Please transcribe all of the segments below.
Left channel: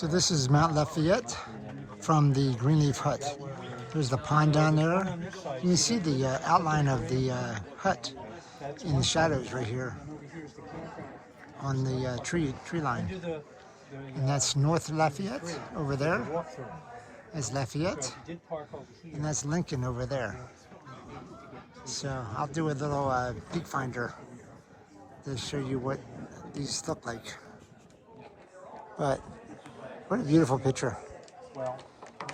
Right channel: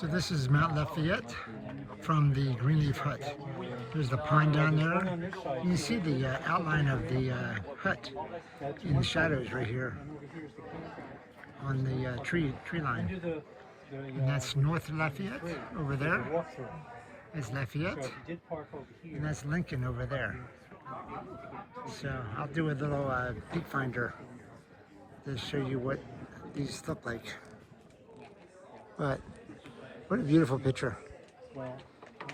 So this is Mount Lafayette from the Greenleaf Hut. There's the pond down there. You can see the outline of the hut in the shadows right here on the tree line. And that's North Lafayette over there. That's Lafayette. And that's Lincoln over there. So I'll do a little peak finder to show you what these look like. But what a beautiful picture.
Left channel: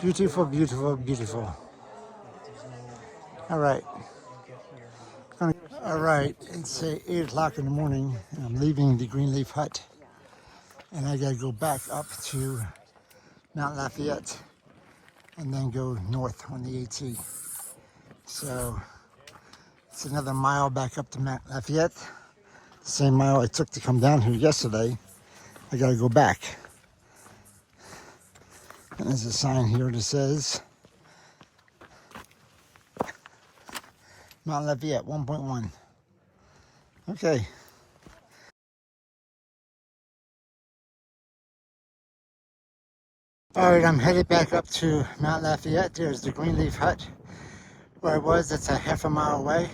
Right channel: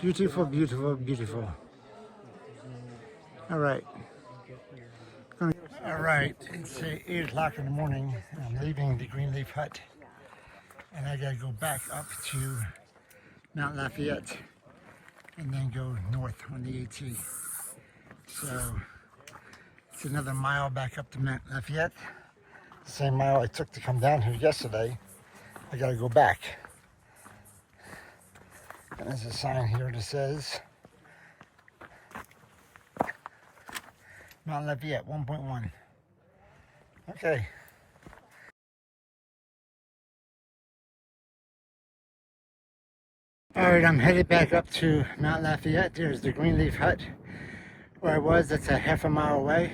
Beautiful, beautiful, beautiful. All right. All right, it's 8 o'clock in the morning. I'm leaving the Greenleaf Hut. And I gotta go back up to Mount Lafayette and then go north on the AT. So it's another mile back up to Mount Lafayette. The same mile I took to come down here yesterday. I gotta go back. And there's a sign here that says Mount Lafayette 1.1. Okay. All right, I'm headed back up to Mount Lafayette. There's the Greenleaf Hut where I was. That's a half a mile away.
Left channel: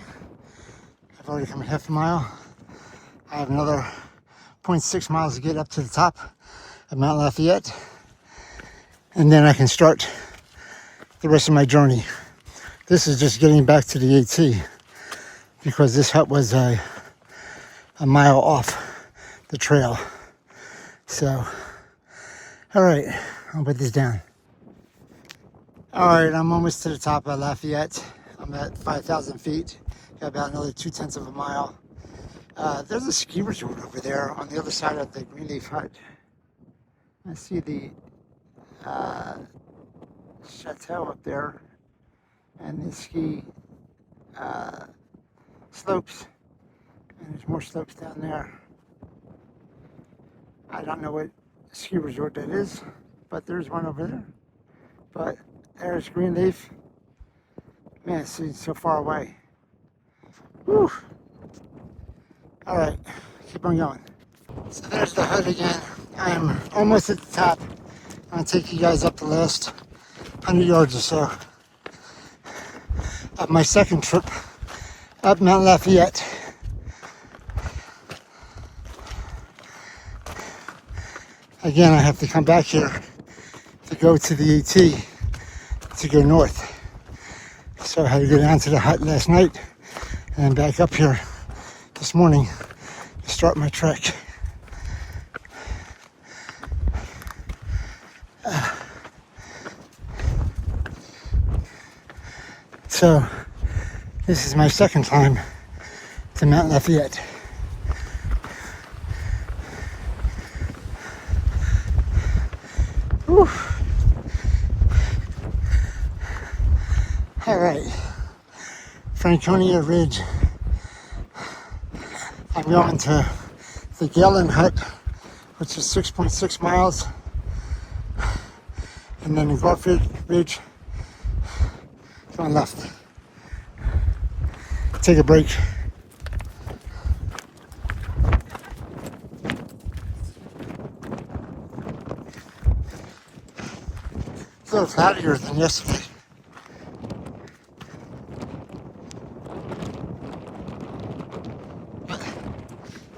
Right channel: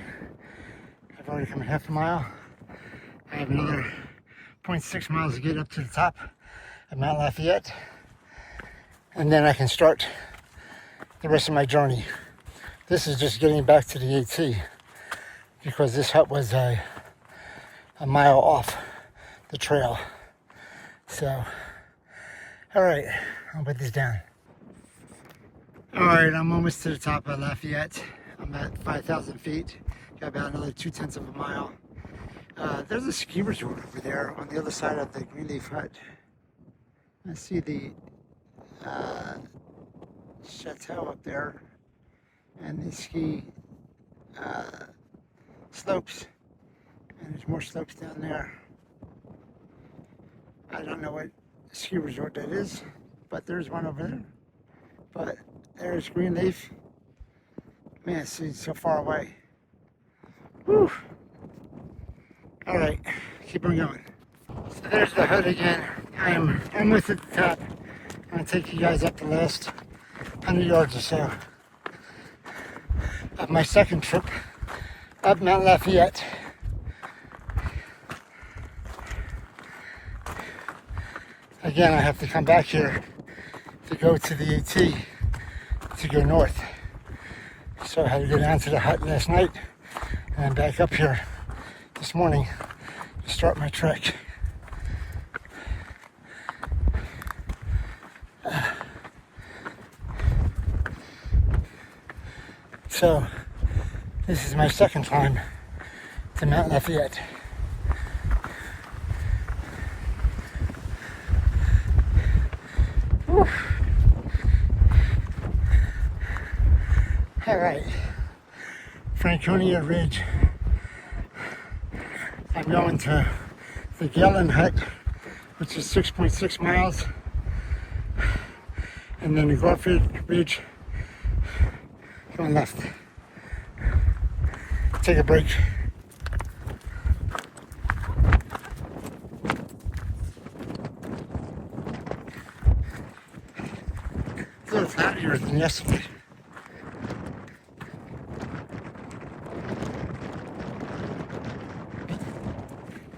I've already come half a mile. I have another 0.6 miles to get up to the top of Mount Lafayette. And then I can start the rest of my journey. This is just getting back to the AT because this hut was a mile off the trail. So, all right, I'll put this down. All right, I'm almost to the top of Lafayette. I'm at 5,000 feet. Got about another 0.2 of a mile. There's a ski resort over there on the other side of the Greenleaf Hut. I see the chateau up there and the ski slopes, and there's more slopes down there. I don't know what ski resort that is, but there's one over there. But there's Greenleaf. Man, it's so far away. Whew. All right, keep on going. So there's the hut again. I am almost at the top. I'm gonna take you guys up the last 100 yards or so of my second trip up Mount Lafayette. Again, I have to come back here to go to the AT to go north. So I had to go down to the hut last night and then back up here this morning to start my trek. So this is my second time to Mount Lafayette. Whew. All right, Franconia Ridge. I'm going to the Galehead Hut, which is 6.6 miles, and then the Garfield Ridge, going left. Take a break. It's a little cloudier than yesterday. But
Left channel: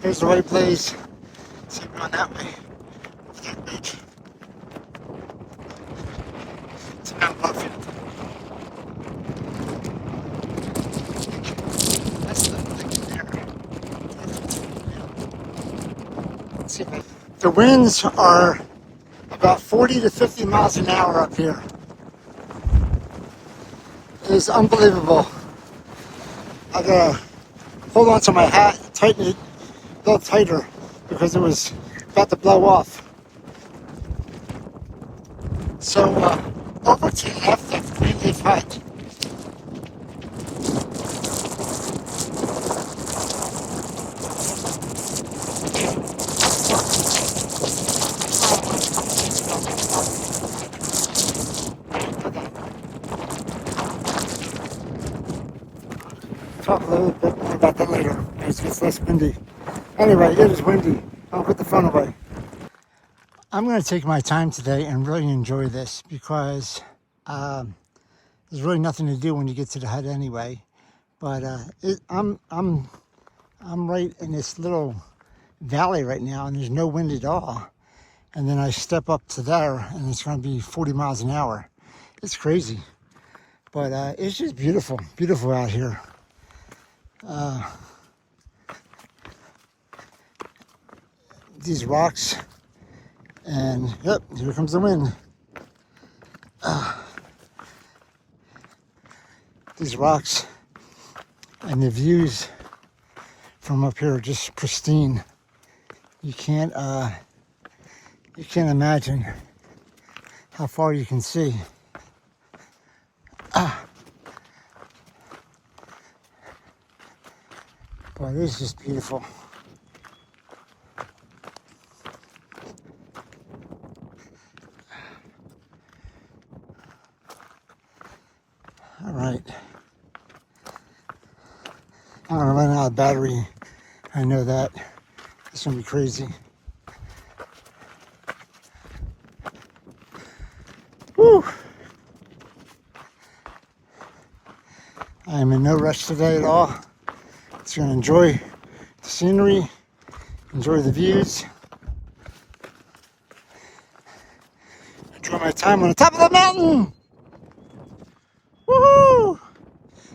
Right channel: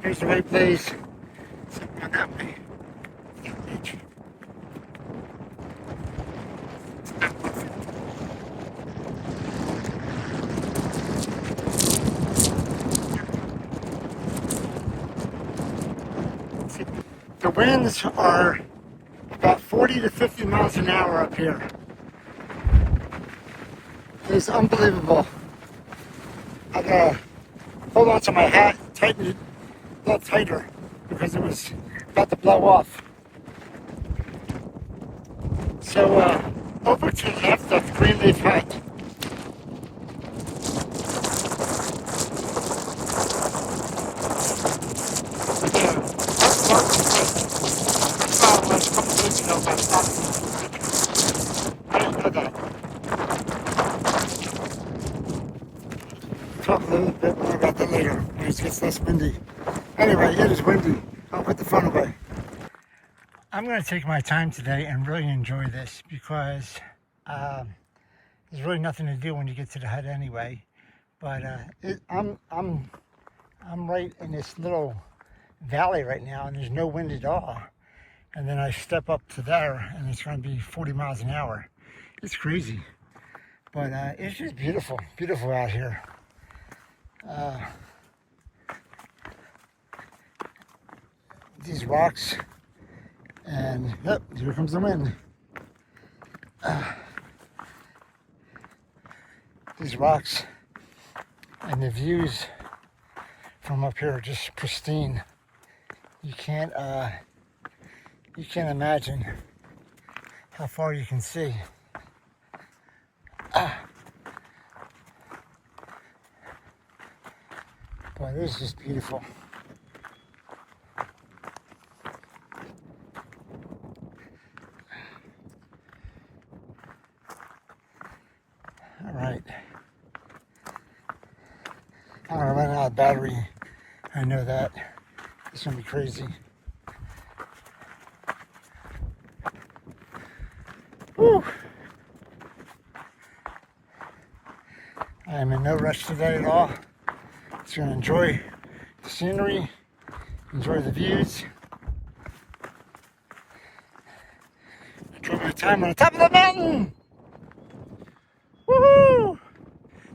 here's the right place. So I'm going that way. That beach. It's Mount Garfield. The winds are about 40 to 50 miles an hour up here. It is unbelievable. I gotta hold on to my hat, tighten it a little tighter because it was about to blow off. So over to the left of Greenleaf Hut. Talk a little bit more about that later as it gets less windy. Anyway, it is windy. I'll put the phone away. I'm going to take my time today and really enjoy this because there's really nothing to do when you get to the hut anyway. But I'm right in this little valley right now, and there's no wind at all. And then I step up to there, and it's going to be 40 miles an hour. It's crazy, but it's just beautiful, beautiful out here. These rocks, and yep, here comes the wind. These rocks and the views from up here are just pristine. You can't imagine how far you can see. Boy, this is beautiful. All right. I'm gonna run out of battery. I know that. It's gonna be crazy. Woo! I'm in no rush today at all. Just gonna enjoy the scenery, enjoy the views, enjoy my time on the top of the mountain. Woohoo!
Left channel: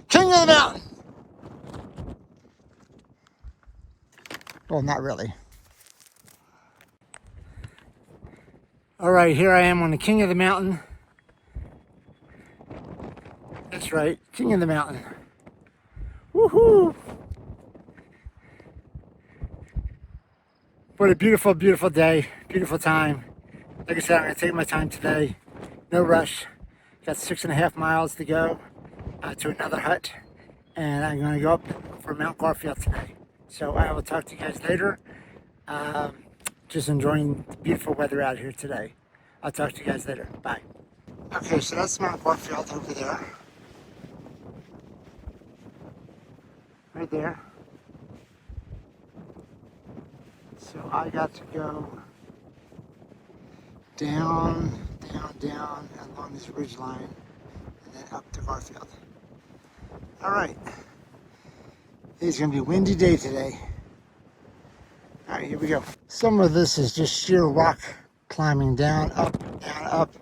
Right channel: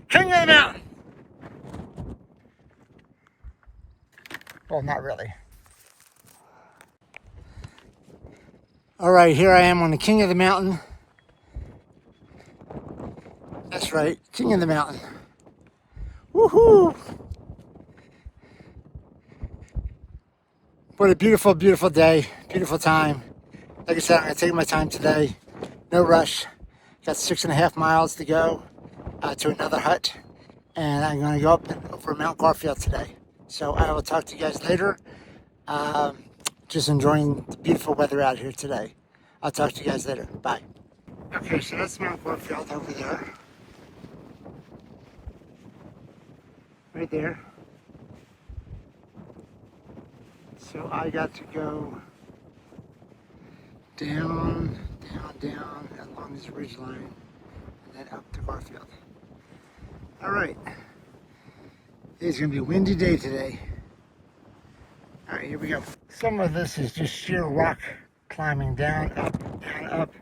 King of the mountain. Well, not really. All right, here I am on the king of the mountain. That's right, king of the mountain. Woohoo! What a beautiful, beautiful day, beautiful time. Like I said, I'm gonna take my time today. No rush. Got 6.5 miles to go to another hut, and I'm gonna go up over Mount Garfield today. So I will talk to you guys later. Just enjoying the beautiful weather out here today. I'll talk to you guys later. Bye. Okay, so that's Mount Garfield over there. Right there. So I got to go down along this ridge line and then up to Garfield. All right. It's gonna be a windy day today. All right, here we go. Some of this is just sheer rock climbing down, up.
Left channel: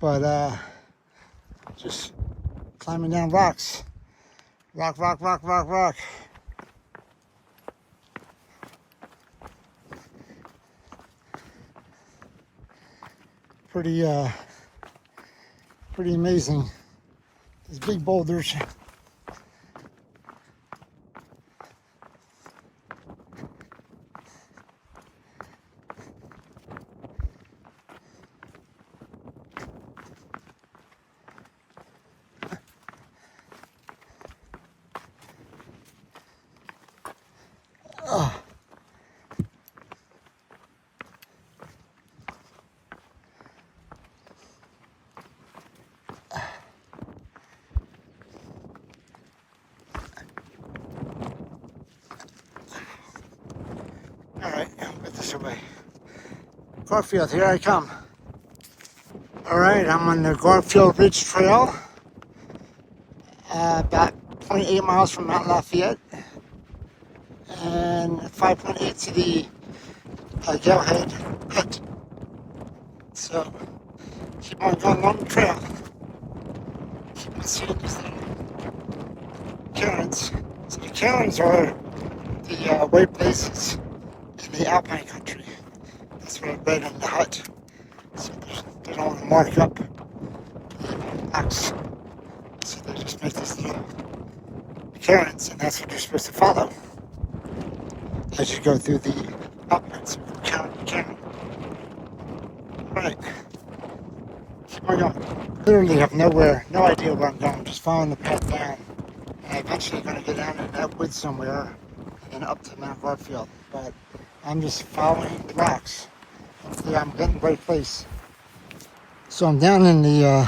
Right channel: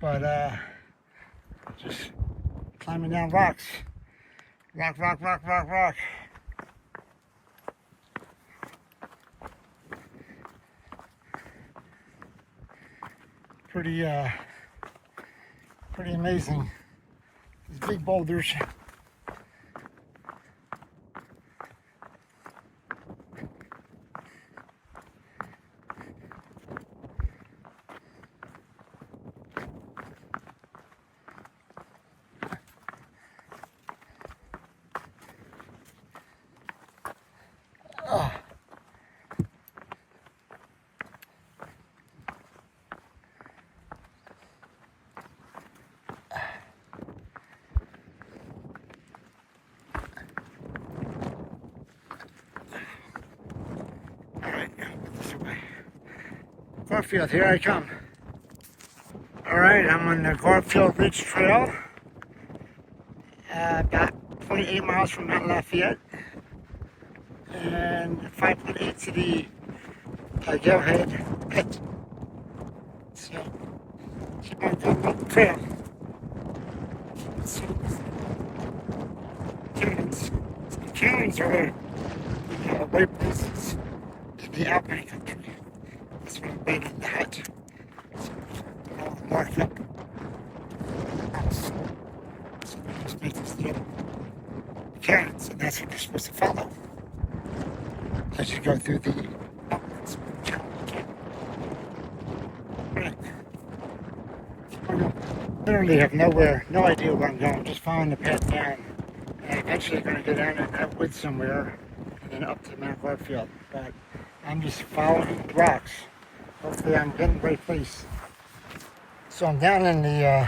But just climbing down rocks. Rock. Pretty amazing. These big boulders. Away. Garfield, here I come. All right, I'm on the Garfield Ridge Trail, about 0.8 miles from Mt Lafayette, and 5.8 to the Galehead Hut. So, keep on going along the trail. Keep on seeing these cairns. So the cairns are the way places in the alpine country. That's what I read in the hut. So they don't want to mark up the rocks. So they just make these little cairns, and that's what you're supposed to follow as you go through the uplands of the cairn. Right. Keep on going. Literally have no idea where I'm going. Just following the path down. And eventually going to go down in that woods somewhere and then up to Mount Garfield. But I'm just following the rocks. Hopefully I'm getting the right place. So I'm down in the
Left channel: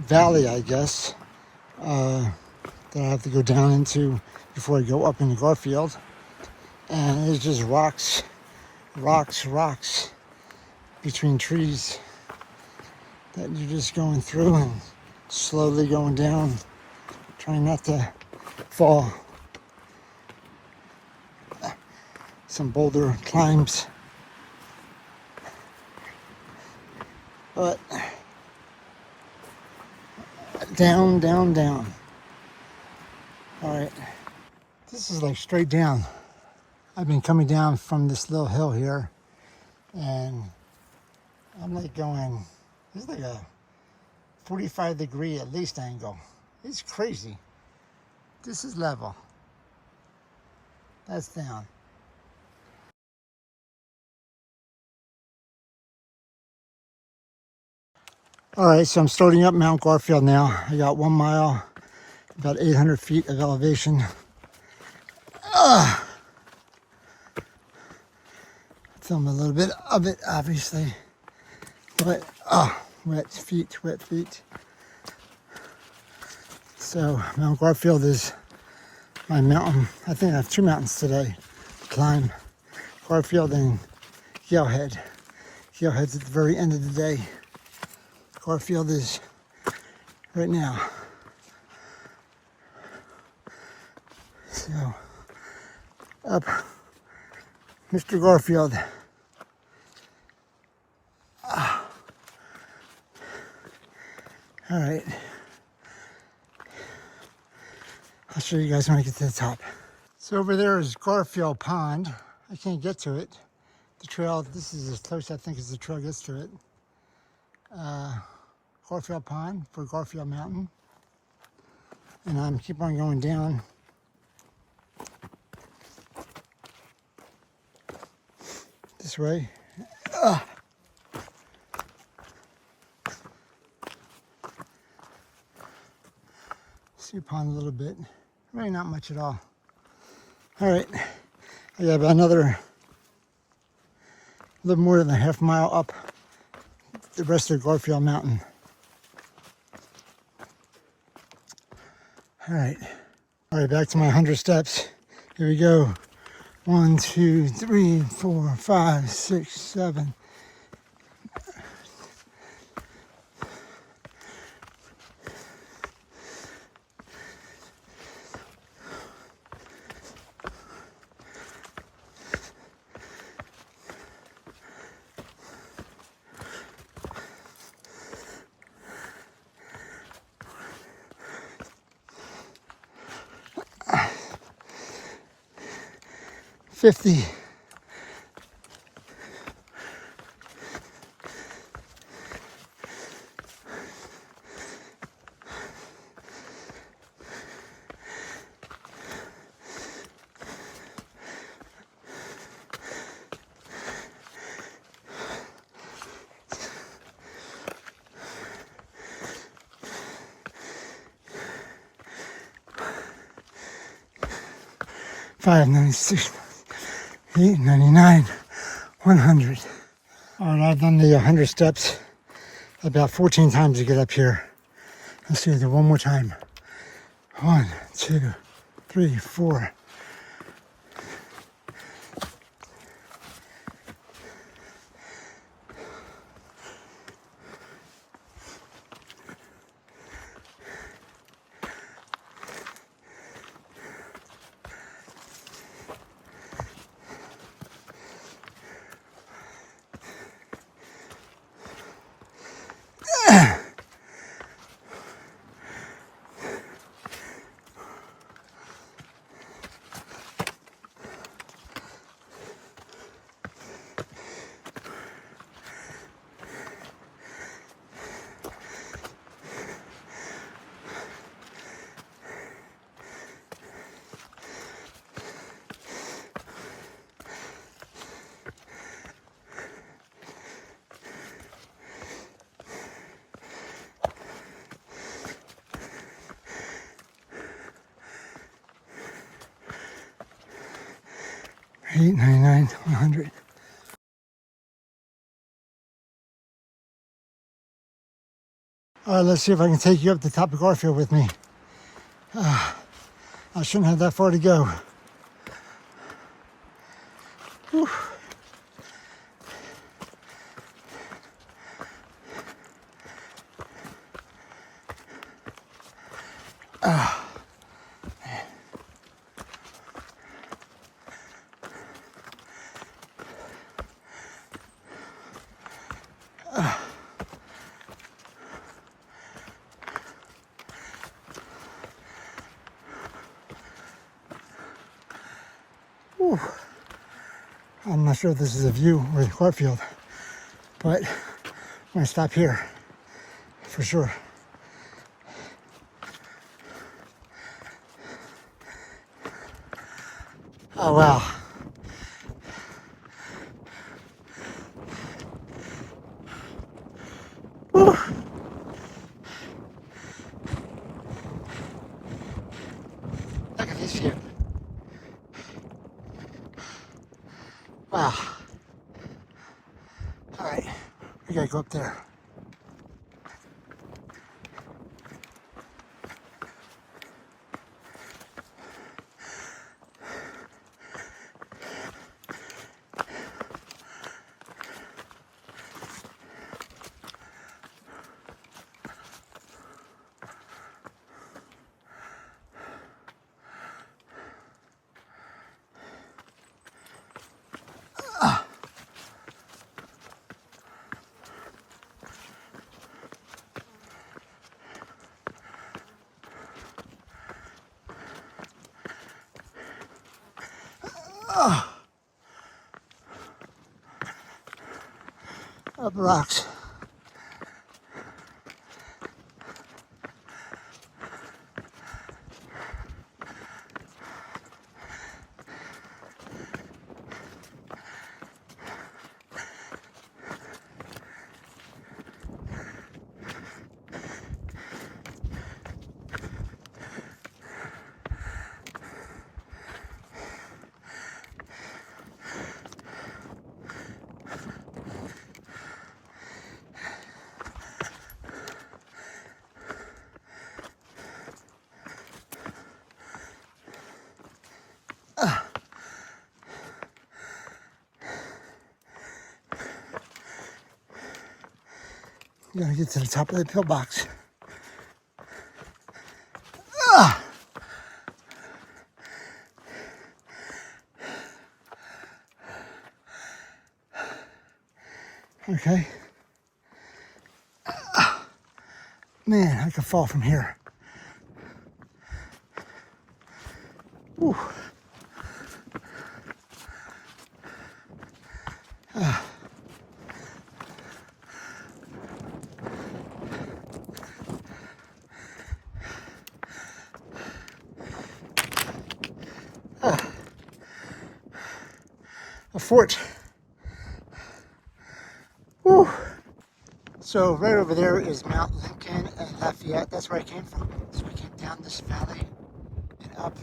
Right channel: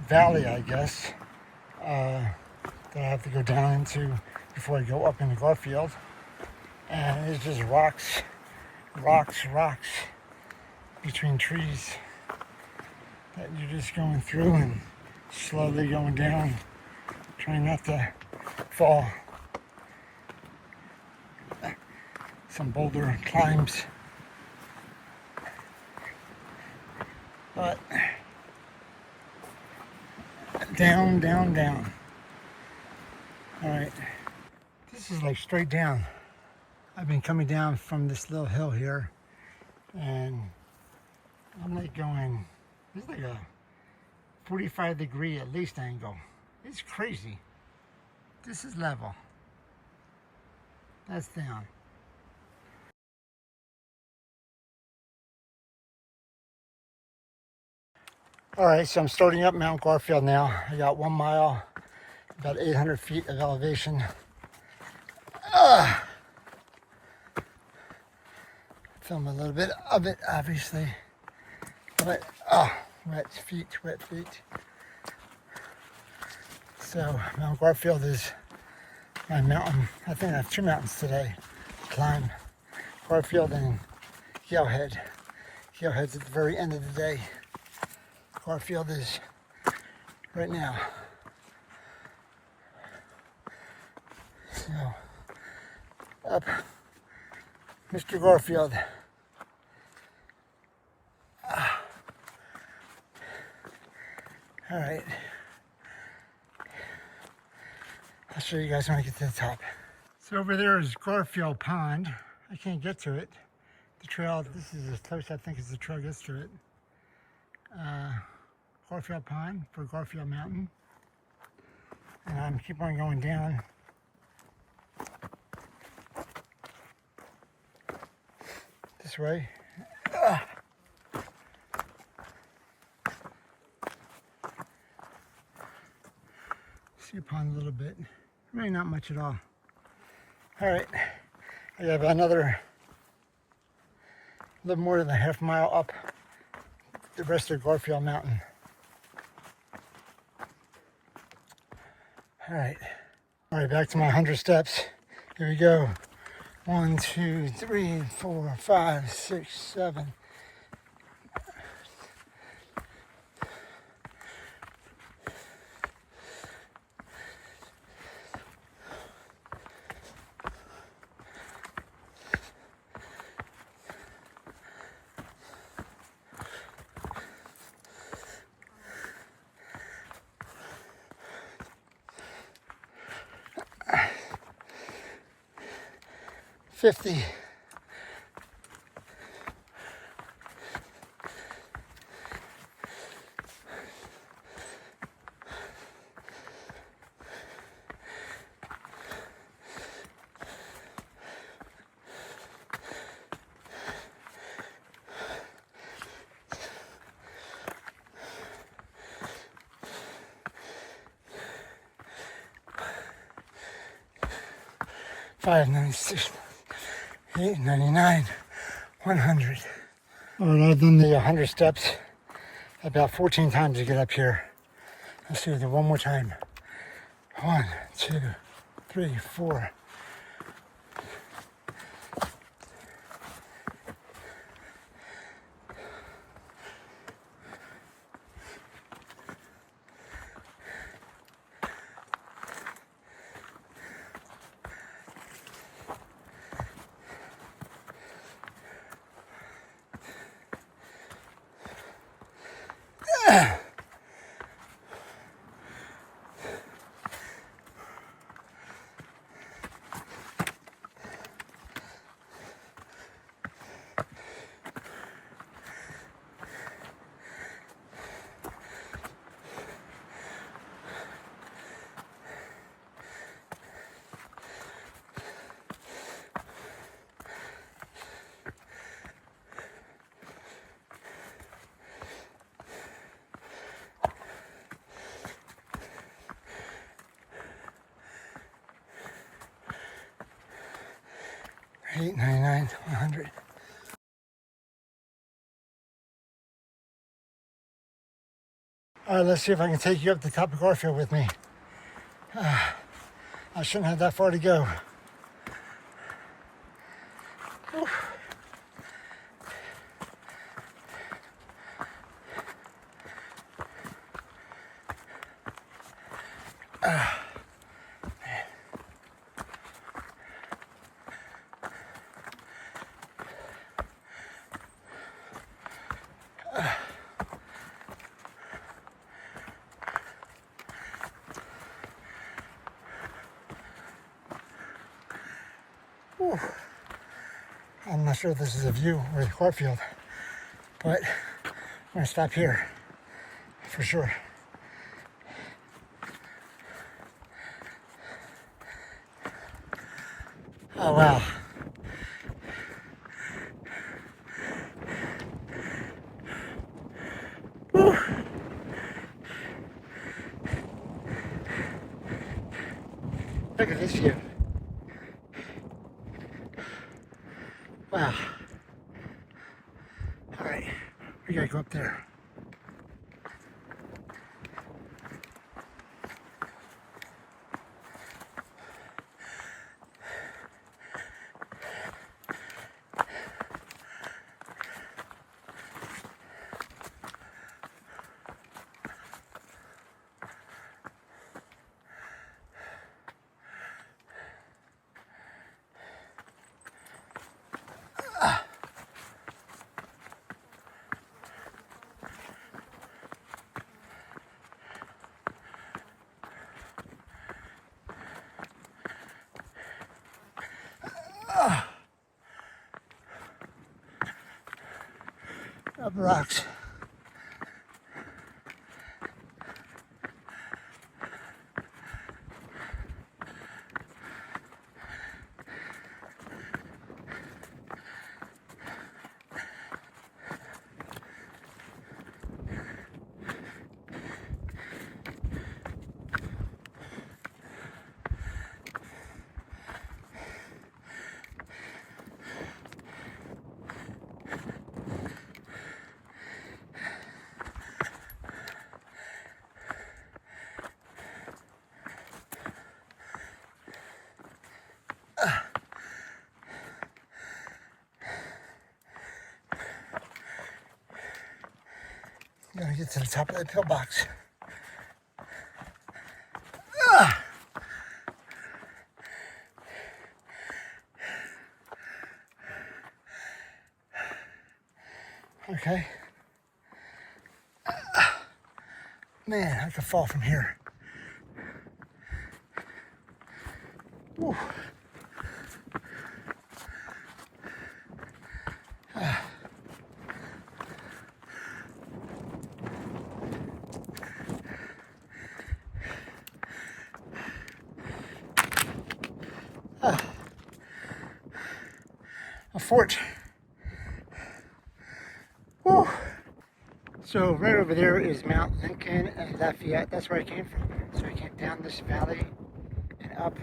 valley, I guess, that I have to go down into before I go up into Garfield. And it's just rocks rocks between trees that you're just going through and slowly going down, trying not to fall. Some boulder climbs, but down, down, down. All right, this is like straight down. I've been coming down from this little hill here, and I'm like going, this is like a 45-degree at least angle. It's crazy. This is level. That's down. All right, so I'm starting up Mount Garfield now. I got 1 mile, about 800 feet of elevation. Film a little bit of it, obviously. But, wet feet. So, Mount Garfield is my mountain. I think I have 2 mountains today to climb. Garfield and Galehead. Galehead's at the very end of the day. Garfield is right now. So, up Mr. Garfield. All right. I'll show you guys when I get to the top. So over there is Garfield Pond. I can't get to it. The trail, this is as close I think as the trail gets to it. Garfield Pond for Garfield Mountain. And I'm keep on going down. This way. See a pond a little bit. Really not much at all. All right, I have another little more than a half mile up the rest of Garfield Mountain. All right, back to my 100 steps. Here we go. 1, 2, 3, 4, 5, 6, 7. $50. $5.96. 8.99, 100. All right, I've done the 100 steps about 14 times to get up here. Let's do it one more time. 1, 2, 3, 4. $8.99, 100. All right, let's see if I can take you up the top of Garfield with me. I shouldn't have that far to go. Whew. I'm not sure if this is a view with Garfield, but I'm gonna stop here for sure. Oh wow. Woo. Look at this view. Wow. All right, we gotta go up there. Up the rocks. I'm gonna get to the top of the pillbox. Okay. Man, I could fall from here. Whew. A fort. Whew. So right over there is Mount Lincoln and Lafayette. That's where I came from. So I came down this valley and up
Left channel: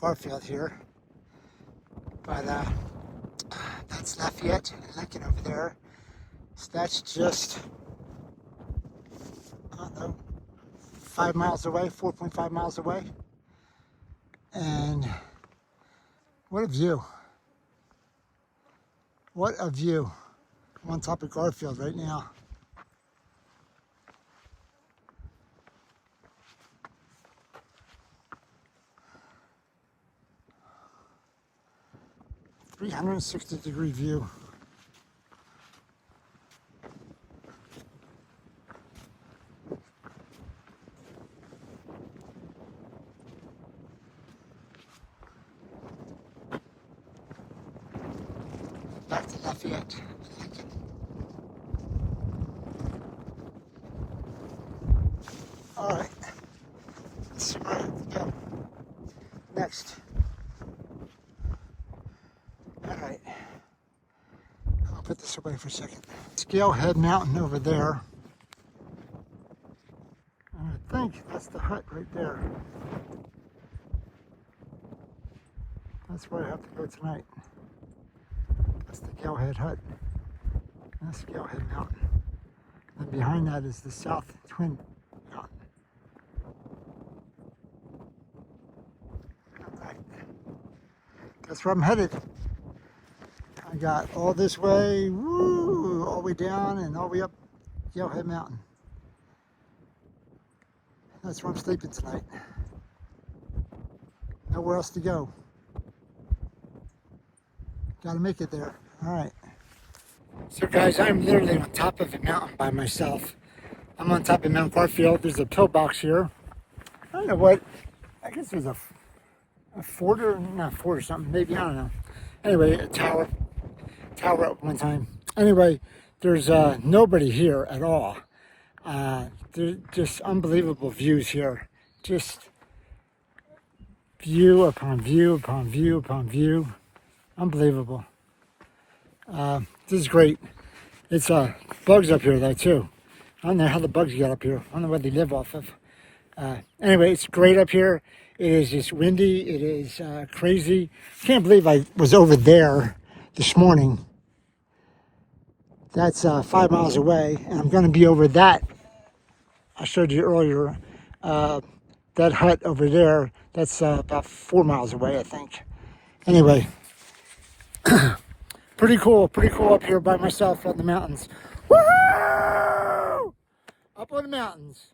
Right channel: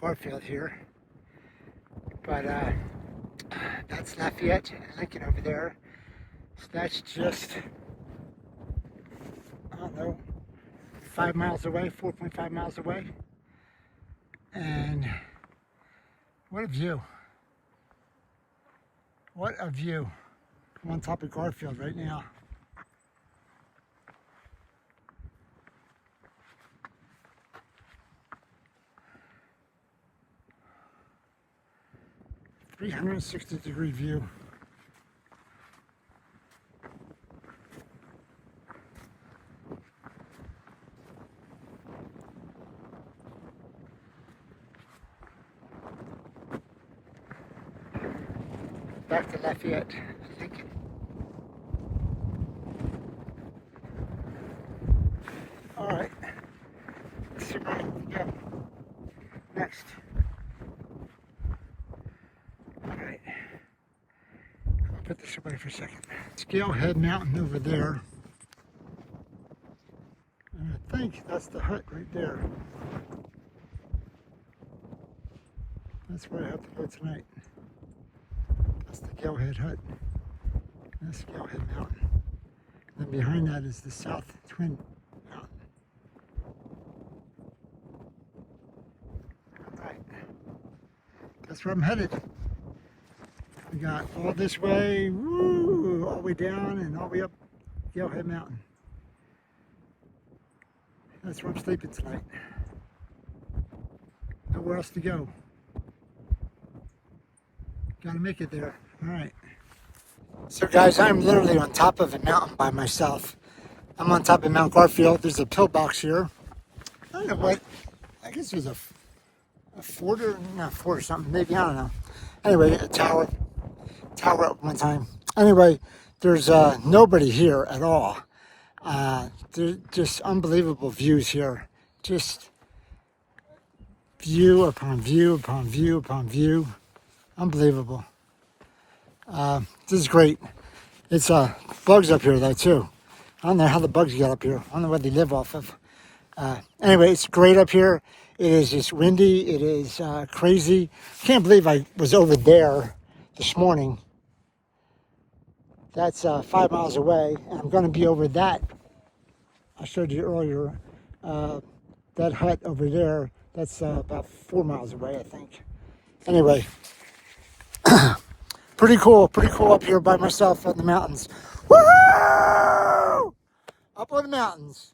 Garfield here. But that's Lafayette and Lincoln over there. So that's just, I don't know, 5 miles away, 4.5 miles away. And what a view. What a view. I'm on top of Garfield right now. .360-degree view. Back to Lafayette and Lincoln. All right, let's see where we go next. All right, I'll put this away for a second. It's Galehead Mountain over there. And I think that's the hut right there. That's where I have to go tonight. That's the Galehead Hut. That's Galehead Mountain. And then behind that is the South Twin Mountain. Alright. That's where I'm headed. I got all this way, woo, all the way down and all the way up Galehead Mountain. That's where I'm sleeping tonight. nowhere else to go. Gotta make it there. All right. So guys, I'm literally on top of a mountain by myself. I'm on top of Mount Garfield. There's a pillbox here. I don't know what, I guess it was a fort or, not fort or something, maybe, I don't know. Anyway, a tower at one time. Anyway, there's nobody here at all. There's just unbelievable views here. Just view upon view upon view upon view. Unbelievable. This is great. It's bugs up here though too. I don't know how the bugs get up here. I don't know what they live off of. Anyway, it's great up here. It is just windy. It is crazy. Can't believe I was over there this morning. That's 5 miles away, and I'm going to be over that. I showed you earlier. That hut over there. That's about 4 miles away, I think. Anyway, pretty cool up here by myself on the mountains. Woo! Up on the mountains.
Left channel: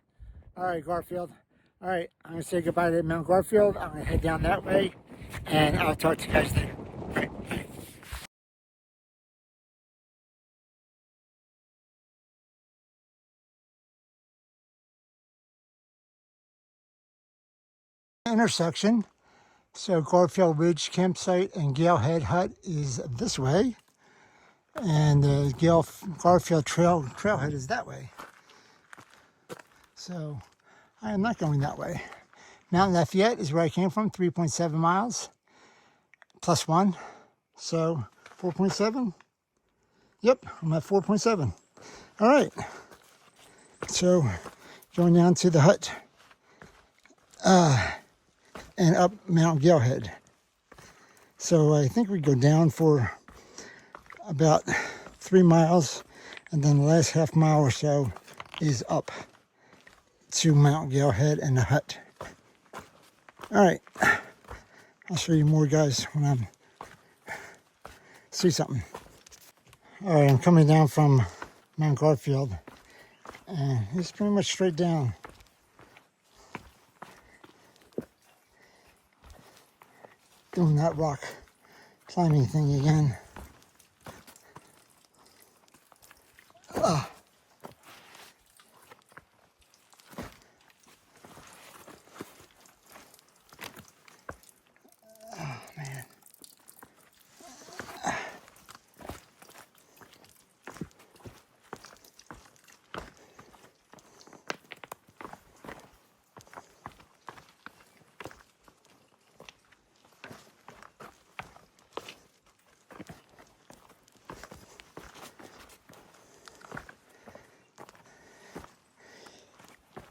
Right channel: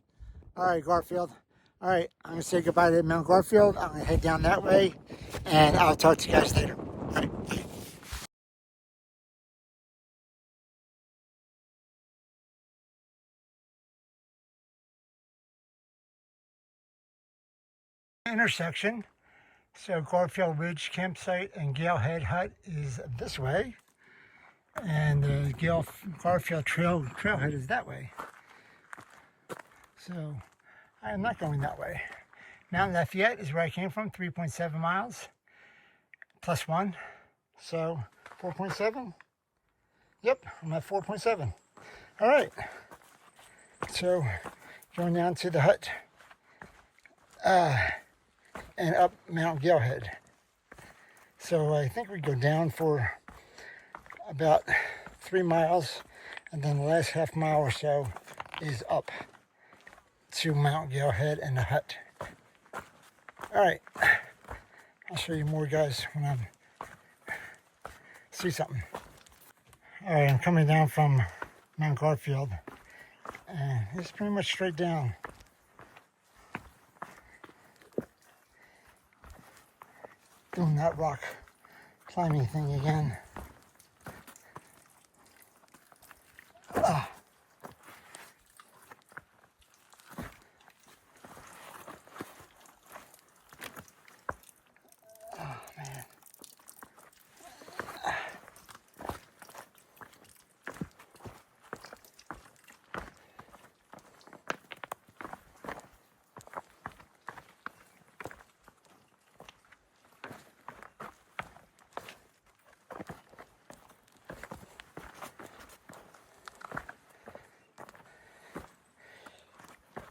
All right, Garfield. All right, I'm going to say goodbye to Mount Garfield. I'm going to head down that way, and I'll talk to you guys later. All right, bye. Intersection. So Garfield Ridge Campsite and Galehead Hut is this way, and the Garfield Trailhead is that way. So I am not going that way. Mount Lafayette is where I came from, 3.7 miles plus 1, so 4.7. Yep, I'm at 4.7. All right, so going down to the hut and up Mount Galehead. So I think we go down for about 3 miles, and then the last half mile or so is up to Mount Galehead and the hut. All right, I'll show you more, guys, when I see something. All right, I'm coming down from Mount Garfield, and it's pretty much straight down. Doing that rock climbing thing again.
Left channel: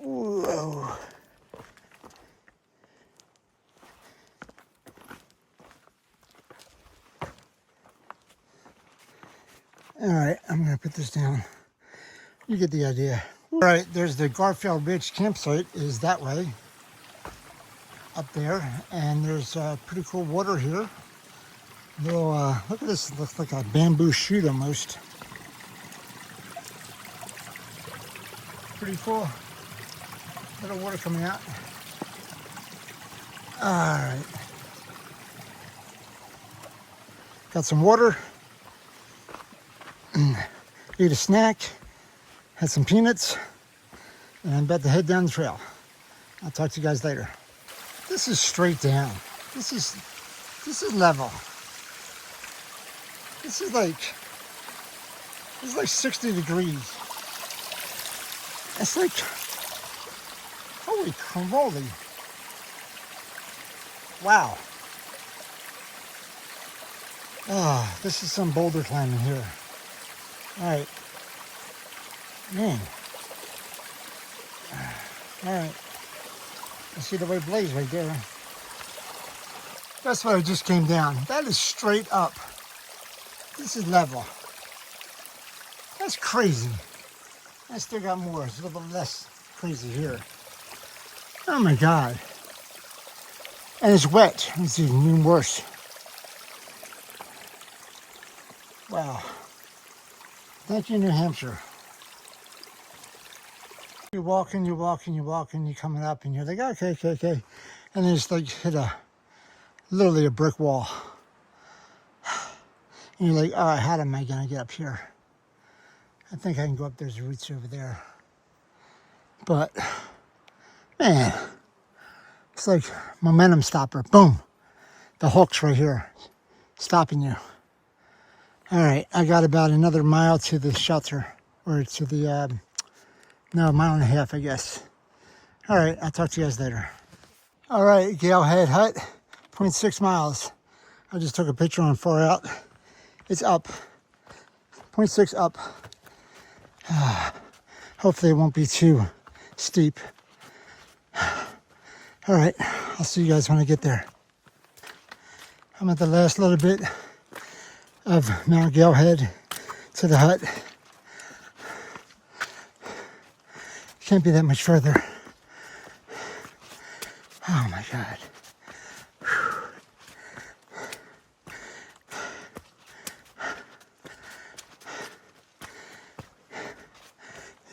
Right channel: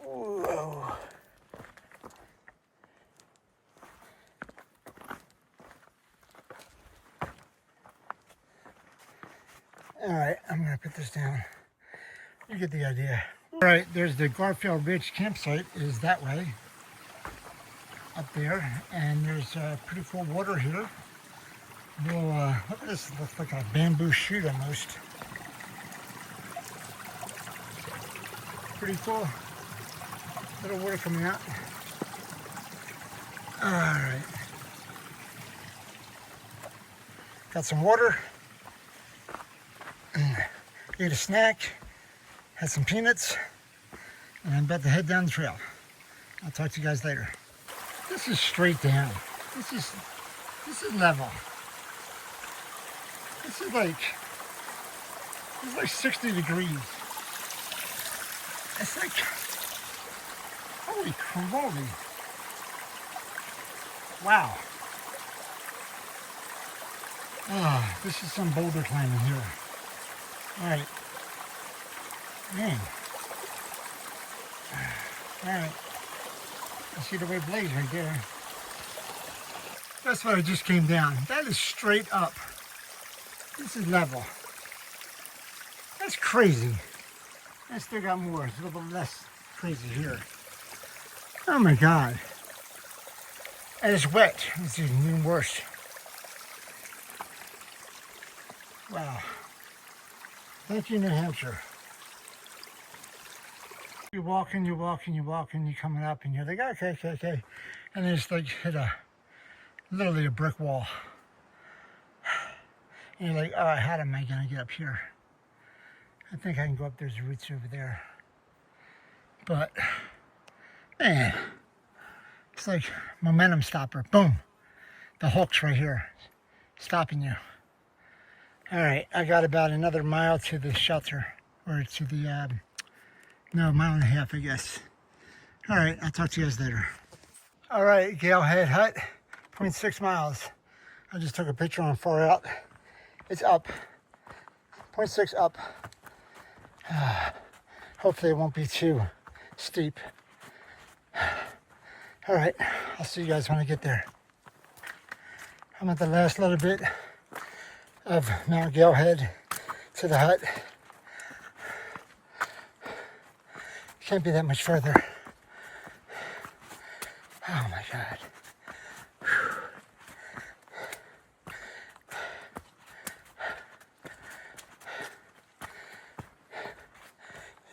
Whoa. All right, I'm gonna put this down. You get the idea. All right, there's the Garfield Ridge campsite is that way, up there, and there's pretty cool water here. Little, look at this, it looks like a bamboo shoot almost. Pretty cool. Little water coming out. All right. Got some water. Eat a snack. Had some peanuts. And I'm about to head down the trail. I'll talk to you guys later. This is straight down. This is level. This is like 60 degrees. It's like, holy cannoli. Wow. Oh, this is some boulder climbing here. All right. Man. All right. I see the white blaze right there. That's what I just came down. That is straight up. This is level. That's crazy. I still got more. It's a little bit less crazy here. Oh my God. And it's wet. It's even worse. Wow. Thank you, New Hampshire. You're walking, you're coming up, and you're like, okay. And then it's like hit a literally a brick wall. And you're like, all right, how am I gonna get up here? I think I can go up, there's roots over there. But, man, it's like momentum stopper, boom. The hook's right here, stopping you. All right, I got about another mile to the shelter, or to the, no, a mile and a half, I guess. All right, I'll talk to you guys later. All right, Galehead Hut, 0.6 miles. I just took a picture on 4 out. It's up, 0.6 up. Hopefully it won't be too steep. All right, I'll see you guys when I get there. I'm at the last little bit of Mount Galehead to the hut. Can't be that much further. Oh my God.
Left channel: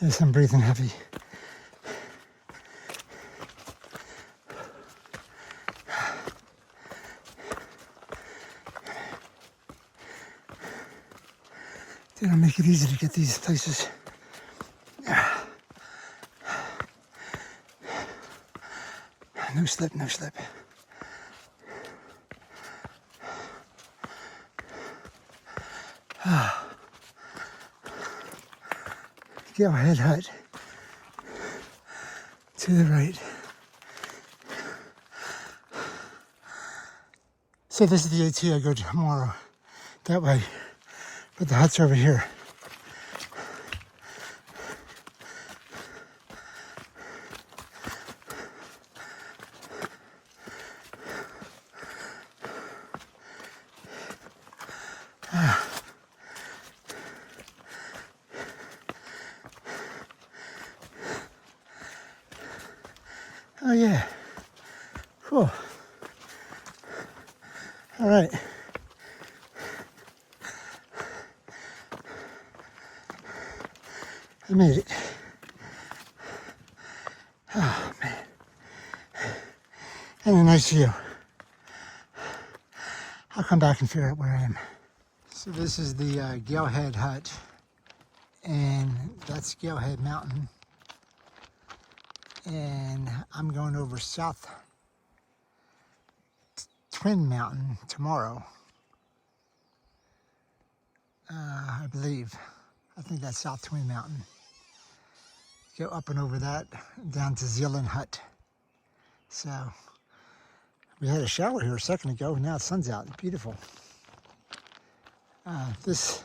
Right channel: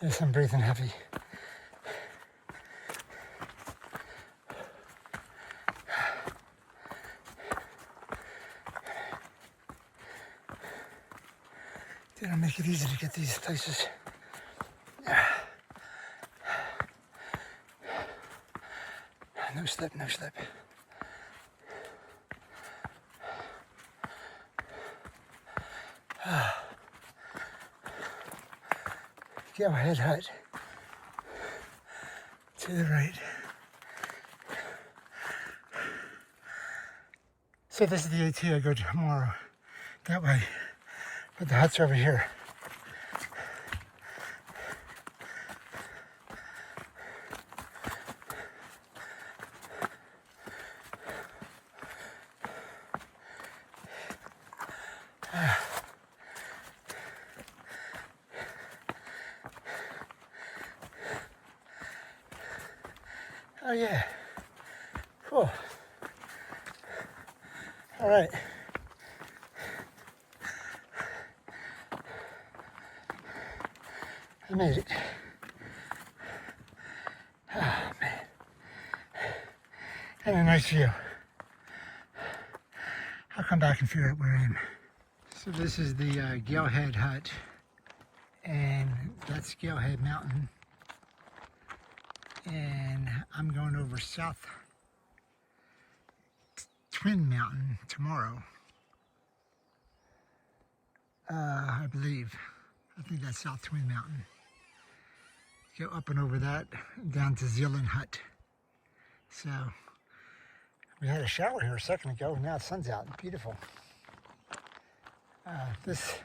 Yes, I'm breathing heavy. They don't make it easy to get these places. No slip, no slip. Galehead Hut to the right. So this is the AT I go tomorrow. That way, but the hut's over here. Oh yeah, cool. All right. I made it. Oh man. And a nice view. I'll come back and figure out where I am. So this is the Galehead Hut, and that's Galehead Mountain. And I'm going over South Twin Mountain tomorrow. I believe. I think that's South Twin Mountain. Go up and over that, down to Zealand Hut. So, we had a shower here a second ago, now the sun's out, it's beautiful. This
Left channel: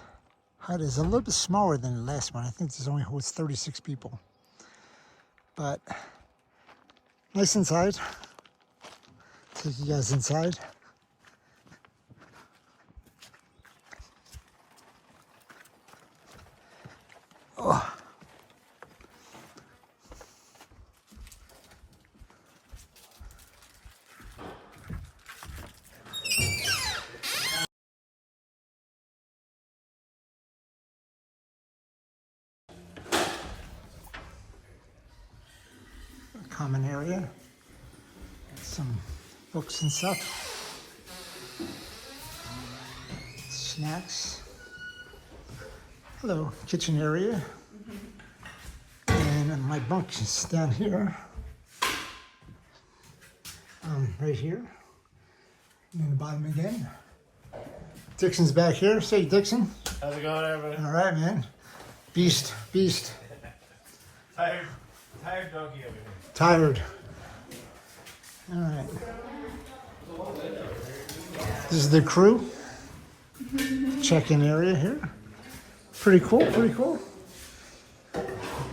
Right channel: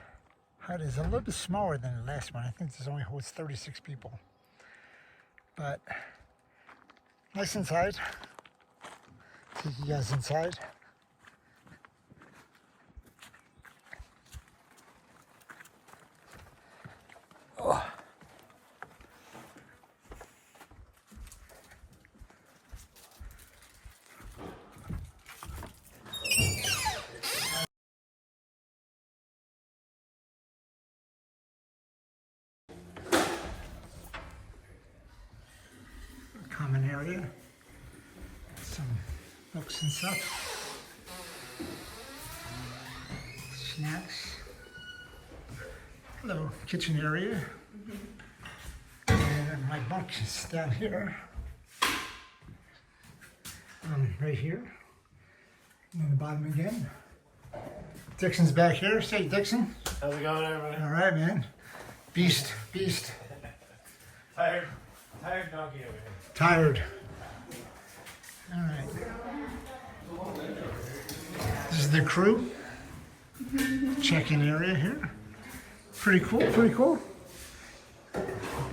hut is a little bit smaller than the last one. I think this only holds 36 people. But, nice inside. Take you guys inside. Oh. Common area, some books and stuff, snacks. Hello, kitchen area. And my bunk is down here, right here, and then the bottom again. Dixon's back here. Say, Dixon. How's it going, everybody? All right, man. Beast. Tired donkey over here. Tired. All right. This is the crew check-in area here. Pretty cool.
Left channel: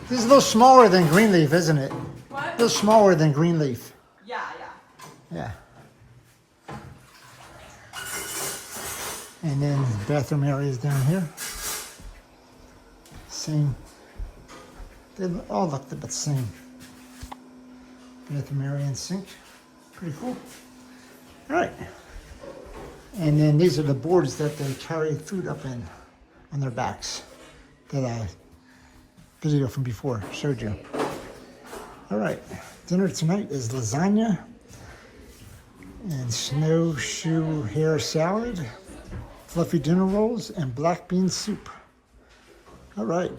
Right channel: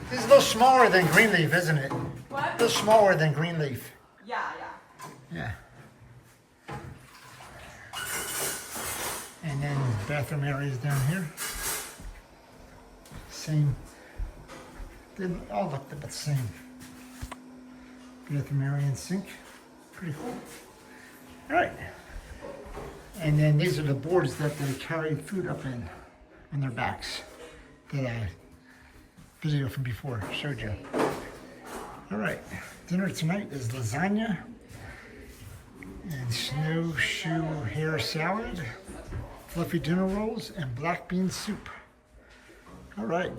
This is a little smaller than Greenleaf, isn't it? What? A little smaller than Greenleaf. Yeah. Yeah. And then bathroom areas down here. Same. They all look the same. Bathroom area and sink. Pretty cool. All right. And then these are the boards that they carry food up in on their backs that I video from before showed you. All right. Dinner tonight is lasagna and snowshoe hare salad, fluffy dinner rolls, and black bean soup. All right.